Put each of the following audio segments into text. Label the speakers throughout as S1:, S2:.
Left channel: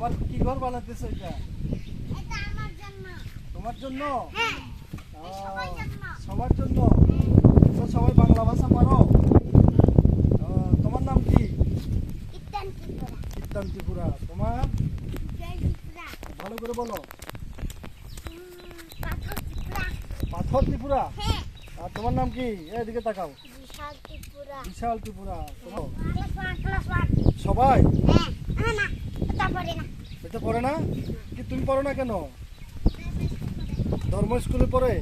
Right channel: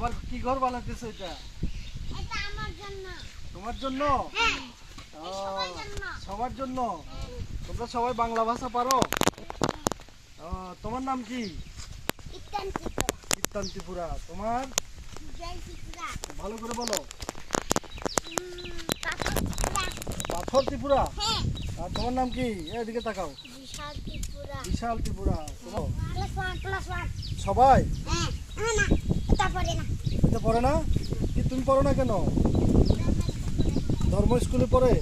S1: আবার কি ঘর বানাতেছো এটা?
S2: এটা আমার জন্য।
S1: তোমার জন্য?
S2: হ্যাঁ সবার জন্য।
S1: সবার জন্য? তো সবাই বাংলা ভাষা পারো? তোমার নাম কি?
S2: ইত্যান ত্রিপুরা
S1: তোমার? ভালো করে বলো।
S2: উম, পাথর ত্রিপুরা হ্যাঁ।
S1: আর তোমার নাম কি? এদিকে তাকাও।
S2: বিশাল ত্রিপুরা
S1: বিশাল ত্রিপুরা সবাই?
S2: হ্যাঁ না। এটা পড়ে না?
S1: কি তুমি পড়ো না কেন? ধর্ম স্কুলে পড়ে?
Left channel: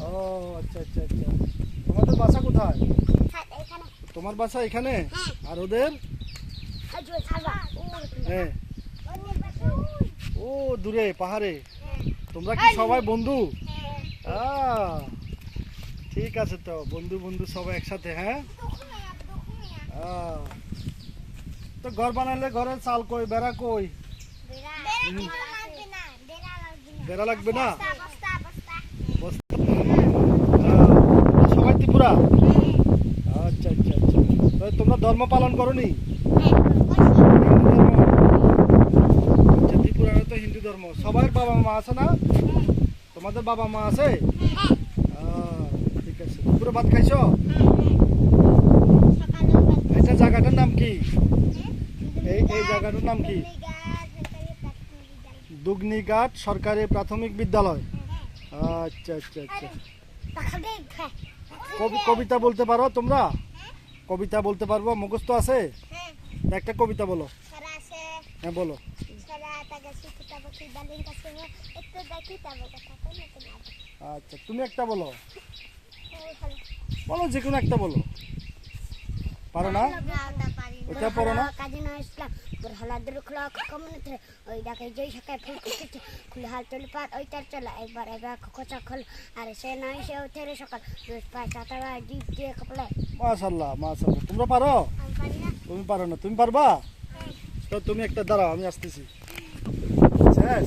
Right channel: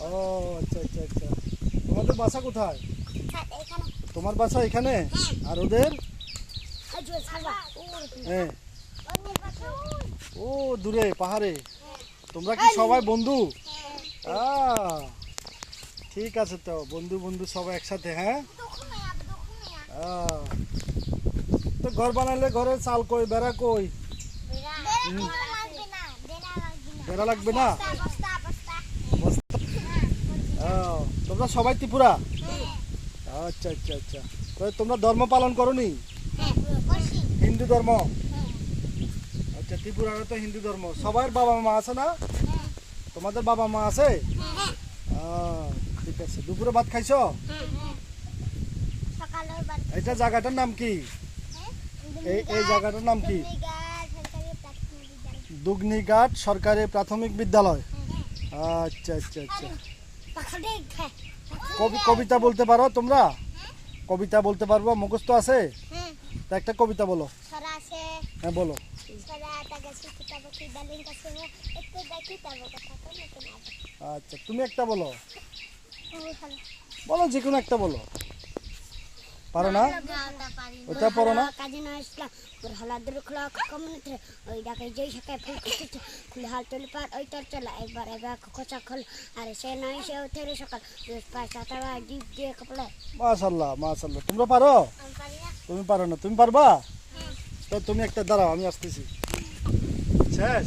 S1: ও আচ্ছা আচ্ছা আচ্ছা। তোমাদের বাসা কোথায়? তোমার বাসা এখানে?
S2: হ্যাঁ।
S1: আর ওদের? হ্যাঁ। ও দূরে পাহাড়ে।
S2: হ্যাঁ।
S1: তোমরা কি সবাই বন্ধু?
S2: হ্যাঁ।
S1: ঠিক আছে তো। বন্ধু বন্ধু সবাই একসাথে হ্যাঁ? তো ঘর বানালে ঘরে চাল কই বেড়া কই?
S2: বেড়া লাগবে না না।
S1: না? সবাই ত্রিপুরা? আচ্ছা আচ্ছা আচ্ছা। তোমরা ধর্ম পালন করনি?
S2: হ্যাঁ বসি।
S1: হিন্দু ধর্ম? আচ্ছা ত্রিপুরার তো হিন্দু ধর্ম। সবার বাবা মা আছে না? তোমাদের বাবা মা আছে?
S2: হ্যাঁ
S1: ঠিক আছে। দুপুরে ভাত খাইছো? এটা জায়গাটার নাম কি? এই এই জায়গাটার নাম কি? দুগনিঘাট সরকারি প্রাথমিক বিদ্যালয়। আচ্ছা আচ্ছা আচ্ছা। কবি কবিতা বলতে পারো তোমরা? কবিতা বলতে পারব? মুখস্থ আছে? একটা কবিতা বলো। হ্যাঁ বলো। আচ্ছা তুমি একটা বলো। বলো, যে কোনো একটা বলো। পারো না? ওটা পড়ো না?
S2: কাজী না ইসলাম হলাদের খোলা কমিউনিটি ওই ডাকে যেই সকায় ফুল কুচি খুলে হাল তুলি পার ওই তার চলা। একবার এবার কোচা খোল আর সে নাই সে উঠে রে সকাল। রোজ পায় সাতারা ডিপ দিয়ে কপলে
S1: মাশাল্লাহ মাশাল্লাহ। তোমরা পারো?
S2: পারি
S1: তুমি পারো না। তুমি পারবা? তো তুমি একটা দাঁড়াও আমি আসতেছি। শেষ?